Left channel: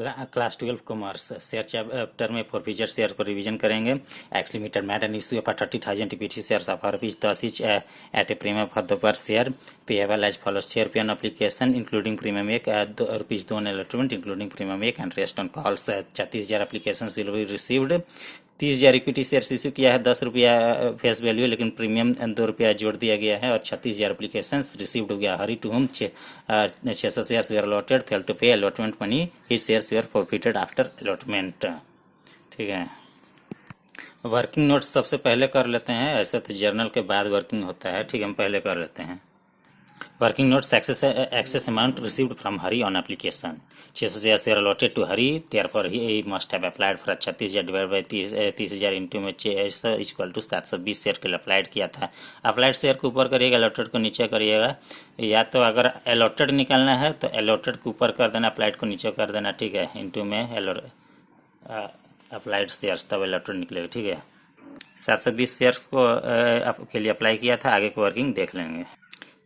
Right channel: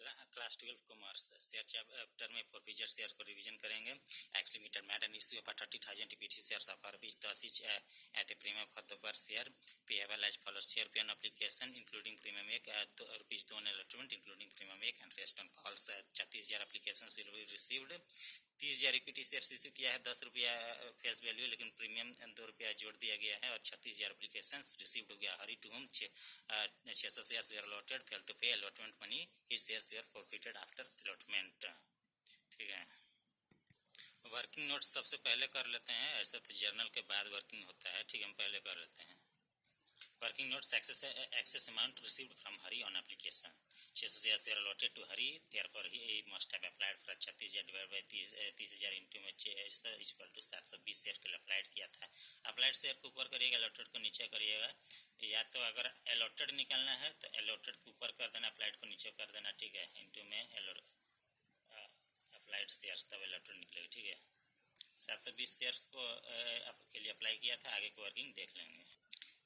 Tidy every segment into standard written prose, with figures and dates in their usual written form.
Class 12 commerce share chapter में forfeiture share को revision करेंगे। X limited made and issue of 30,000 TPT shares of rupees 10 each at a premium for the per share payable as follows: share पे on application including premium 1 rupees 2 on allotment including premium 1 and rest on calls। 36,000 applications will be received। 30,000 equity shares issue किया है, 10 रुपया face value, लेकिन premium 2 रुपया जोड़ दिया गया है। और 36,000 एप्लीकेशंस रिसीव्ड हो गया। Hari to whom 600 shares were allotted, fail to pay allotment money, his shares were forfeited after allotment. ठीक है, वर्किंग नोट्स सबसे पहले कर लेते हैं। ऐसे तो जर्नल के बाद वर्किंग होता है। ठीक है, हम पहले कर लेते हैं। Working notes excess amount received from Hari on application. 600 share allotted to Hari, therefore he must have applied for 36,000 divide by 30,000 into में 600 इक्वल टू 720 शेयर के लिए अप्लाइड किया था। अप्लाइड शेयर को ऊपर करिएगा, अलॉटेड को नीचे करिएगा। या तो अगर अलॉटेड निकालना है तो अलॉटेड को ऊपर कर देना, अप्लाइड को नीचे कर देना। ठीक है, इंटू में अप्लाइड शेयर्स, तब अलॉटेड निकलेगा। ठीक है, 720 शेयर्स को के लिए अप्लाई किया था। आगे को वर्किंग देख लेंगे।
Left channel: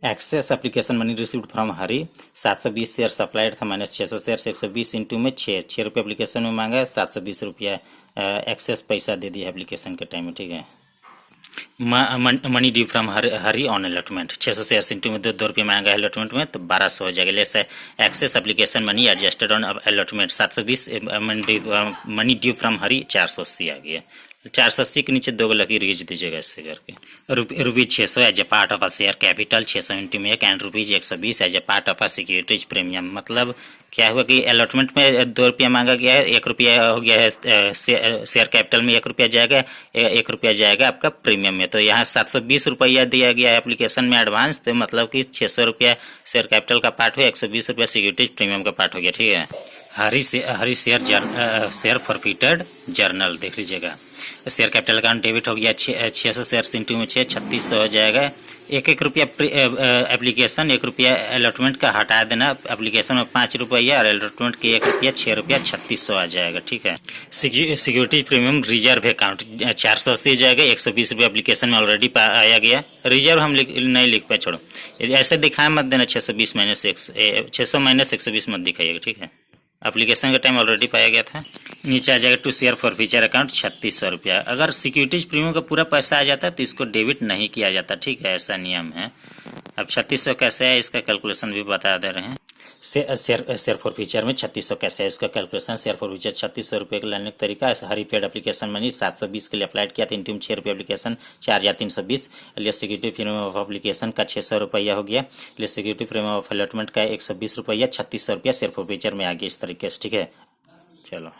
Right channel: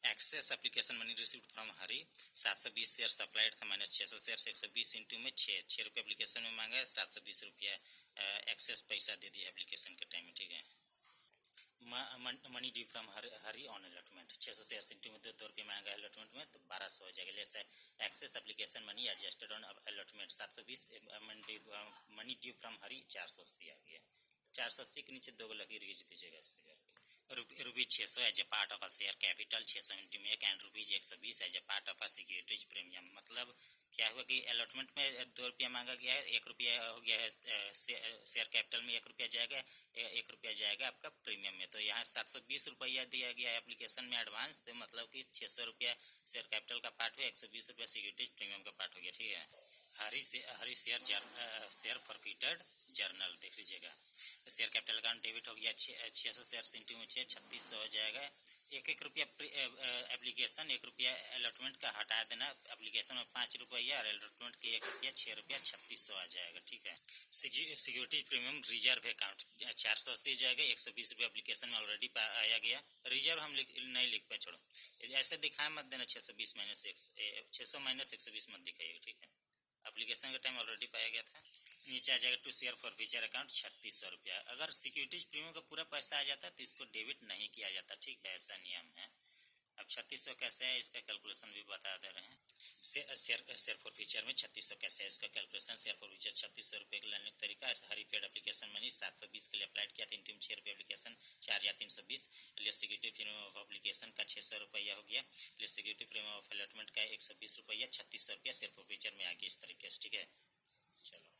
Excess application money received from Hari, 720 share applied था माइनस 600 शेयर, 120 इंटू में 6 रुपये एप्लीकेशन में मांगा है, 720 रुपया एक्सेस पैसा दे दिया एप्लीकेशन के टाइम में। ठीक है, money due from Hari on allotment, 600 share into में 2 रुपये मांगा है अलॉटमेंट में, तो 1200 हो जाएगा। Less excess application money adjusted on allotment, 720 money due from Hari 480 आ गया। 480 के नीचे 2 लकीर खींच दीजिएगा ऐसे करके। Rupees 600 as a part of a share capital, 600 into में 1 and rupees 120 as a part of a securities premium. मतलब क्या हुआ कि अलॉटमेंट में 2 रुपया मांगा गया है, 1 रुपया हो गया है शेयर कैपिटल में, 1 रुपया जाएगा, 1 रुपया जाएगा आपका प्रीमियम में। तो यहाँ 720 रुपया दिया गया है एप्लीकेशन में एडवांस, तो मतलब कि 600 रुपया शेयर कैपिटल का पार्ट हुआ, 120 रुपया सिक्योरिटीज प्रीमियम का पार्ट हो गया। ठीक है, हरी शेयर फॉरफिटेड जर्नल देख लीजिएगा। शेयर कैपिटल अकाउंट डेबिट हो गया 600 शेयर इंटू में 6, 3600 हो जाएगा। 1 रुपया एप्लीकेशन, 1 रुपया अलॉटमेंट का हटा देना। एप्लीकेशन में 5 रुपया और अलॉटमेंट के 1 रुपया, 6 रुपया, 3600 आ जाएगा। ठीक है, सिक्योरिटीज प्रीमियम रिजर्व अकाउंट 480 जाएगा, 120 रुपया एप्लीकेशन में ऑलरेडी आया गया। रिजर्व हम नहीं लिख पाए, छोड़ो ऐसे दिखाए मत देना। 620 माइनस 600 माइनस 120 मत दिखाइएगा। ठीक है, एप्लीकेशन का टाइम ऑलरेडी पाया गया था। नीचे आ जाएगा to share forfeiture account 3600 रुपया। अगर सिक्योरिटीज प्रीमियम का पूरा पैसा आ जाता है तो इसको डेबिट नहीं किया जाता। ठीक है, ऐसा नियम है। अब 3600 कैसे है इसका कैलकुलेशन भी बता दे रहे हैं। शेयर फॉर फीचर में 3600 कैसे है इसका कैलकुलेशन। शेयर फॉर फीचर 3600 रुपये का लेने का तरीका। हरी पेड एप्लीकेशन मनी 720 के लिए अप्लाइड किया था, इंटू 6 रुपये एप्लीकेशन 4,320। लिए सिक्योरिटी प्रीमियम ऑफ एप्लीकेशन का 600 रुपया हो गया। लिए सिक्योरिटी प्रीमियम ऑफ अलॉटमेंट का 120 रुपया, 3600 रुपया शेयर फॉर फीचर में आ गया इस तरीके से। ठीक है, चलो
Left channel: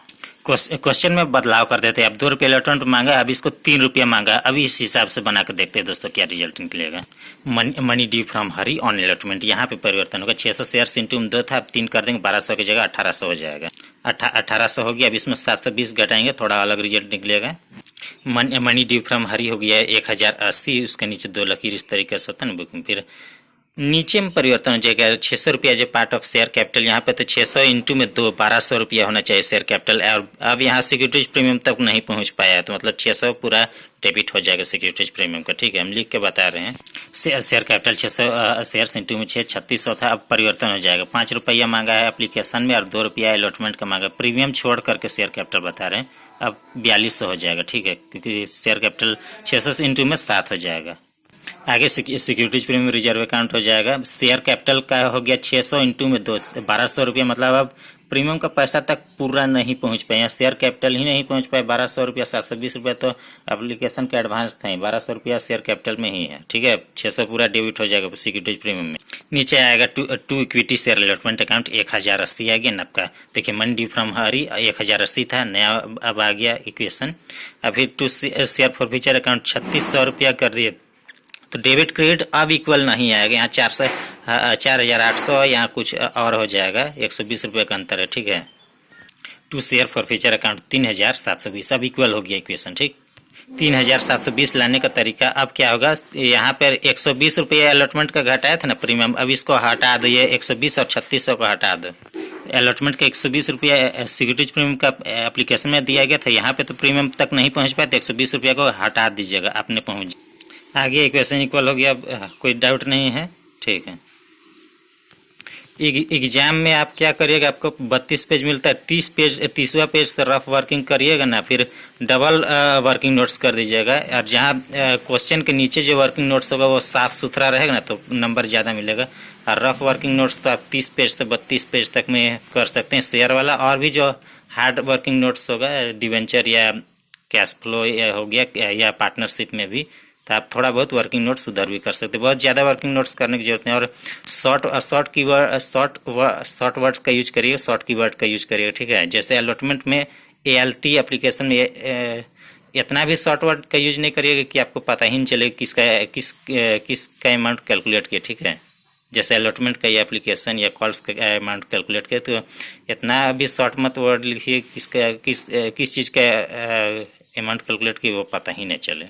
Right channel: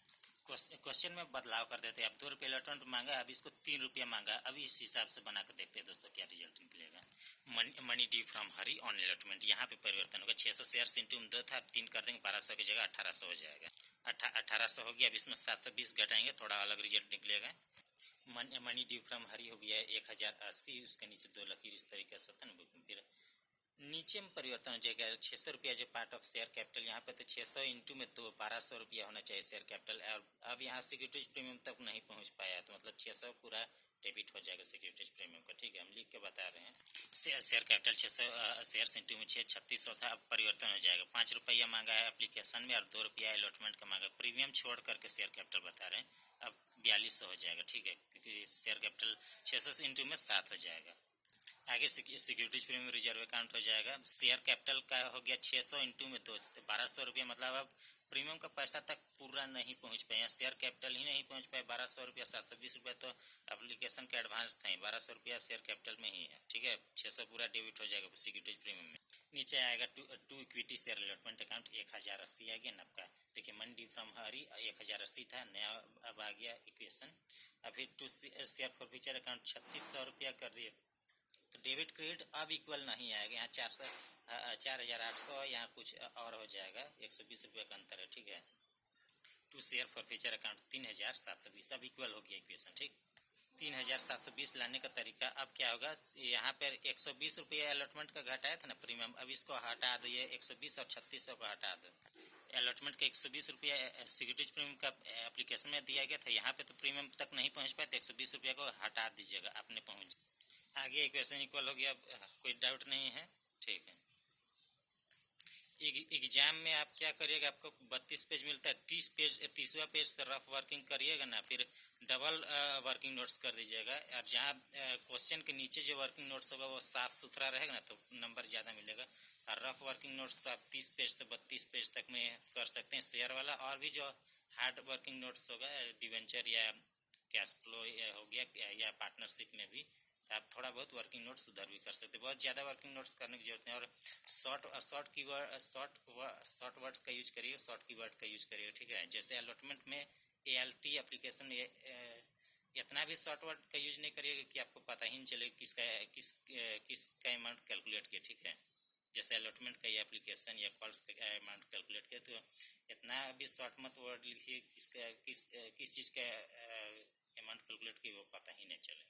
क्वेश्चन में बदलाव कर देते हैं। अब 2 रुपये अलॉटमेंट मांगा, अब इसको 3 रुपया मांगा। अभी इस हिसाब से बना कर देखते हैं दोस्तों क्या रिजल्ट निकलेगा। Money due from Hari on allotment, यहाँ पे परिवर्तन होगा। 600 शेयर इंटू में 2 था, अब 3 कर देंगे, 1200 की जगह 1800 हो जाएगा। 1800 हो गया। अब इसमें 720 घटाएंगे, थोड़ा अलग रिजल्ट निकलेगा। मनी ड्यू फ्रॉम हरी हो गया 1080, उसके नीचे 2 लकीर इस तरीके से होता है ना बुकिंग। फिर नीचे में परिवर्तन हो जाएगा। 600 रुपया जो पार्ट ऑफ शेयर कैपिटल, यहाँ पे तो 600 इंटू में 2 1200 रुपया होना चाहिए शेयर कैपिटल। और अब यहाँ सिक्योरिटीज प्रीमियम तक नहीं पहुँच पाया, तो मतलब 600 पूरा डेबिट हो जाएगा सिक्योरिटीज प्रीमियम का। ठीक है, हम लिख के बता रहे हैं। शेयर कैपिटल 600 शेयर इंटू में 6, 3600 था। अब परिवर्तन हो जाएगा। 5 रुपया मांगा है एप्लीकेशन में और 2 रुपया अलॉटमेंट का मांगा। प्रीमियम छोड़ करके शेयर कैपिटल बता रहे हैं। अब 4200 हो जाएगा। ठीक है, क्योंकि शेयर कैपिटल 600 इंटू में 7 हो जाएगा। आगे सिक्योरिटीज प्रीमियम रिजर्व अकाउंट हो जाएगा। शेयर कैपिटल का हो गया 600 इंटू में 2, 1200 रुपया। मतलब अब प्रीमियम का पैसा तक पूरा नहीं पहुंच पाए, शेयर कैपिटल ही नहीं पहुंच पाए। 1200 रुपया, 720 रुपया तो एप्लीकेशन का एडवांस था, 1200 रुपया शेयर कैपिटल में ही है। ठीक है, 600 पूरा डेबिट हो जाएगा सिक्योरिटीज प्रीमियम में। नीचे आएगा to equity share allotment account 1080 आ गया नबका। देखिए मनी ड्यू फ्रॉम हरी 1080 था, नया अब आ गया इक्वेशन। अभी to share forfeiture account 3600 रुपया कर दिए, तो डेबिट क्रेडिट अब इक्वल नहीं आएगा। यहाँ 4800 यहाँ कुछ और हो जाएगा, 120 रुपये का अंतर है। ठीक है, to share forfeiture account 3720 अब इक्वल हो गया इक्वेशन। ठीक, 3720 लाने का तरीका अब क्या होगा। यहाँ पर 120 रुपये अलॉटमेंट का घटाया था ना प्रीमियम, अब इसको हटा दो, ये 120 और 3600 को हटा दो। अलॉटमेंट का 120 रुपया सिक्योरिटीज प्रीमियम का एप्लीकेशन में दिया गया था, यहाँ पे तो प्रीमियम तक नहीं पहुँच पाया, तो 120 रुपया को हटा दीजिएगा, आपने पहुँच। आगे इक्वेशन इक्वल हो गया, कोई डाउट नहीं है। ठीक है, एग्जाम में आप क्या करिएगा, आपको 32 पेज मिलता है, 30वां पेज से रफ वर्किंग करिएगा ना, फिर डबल वर्किंग नोट्स कर दीजिएगा। और जहाँ क्वेश्चन के नीचे जो वर्किंग नोट्स होगा वो साफ सुथरा रहेगा ना, तो नंबर ज़्यादा मिलेगा। और रफ वर्किंग नोट्स तो आप 30 पेज से 32 पेज तक में कर सकते हैं शेयर वाला। और भी जो हार्ड वर्किंग नोट्स होगा, डिवेंचर या कैश फ्लो हो गया या पार्टनरशिप में भी, तो आप थोड़ा बहुत वर्किंग नोट्स उधर भी कर सकते हैं। बहुत ज़्यादा वर्किंग नोट्स करने की जरूरत नहीं। और शॉर्ट वर्ड्स का यूज करिए, शॉर्ट कीवर्ड का यूज करिए, ठीक है। जैसे अलॉटमेंट में ALT एप्लीकेशन में इतना भी शॉर्ट वर्ड का यूज नहीं करिएगा कि आपको पता ही नहीं चले किसका अमाउंट कैलकुलेट किया, ठीक है। जैसे अलॉटमेंट का या एप्लीकेशन या कॉल्स का अमाउंट कैलकुलेट किया, तो इतना भी शॉर्ट मत वर्ड लिखिए किस चीज़ का अमाउंट कैलकुलेट किया वो पता ही नहीं चले।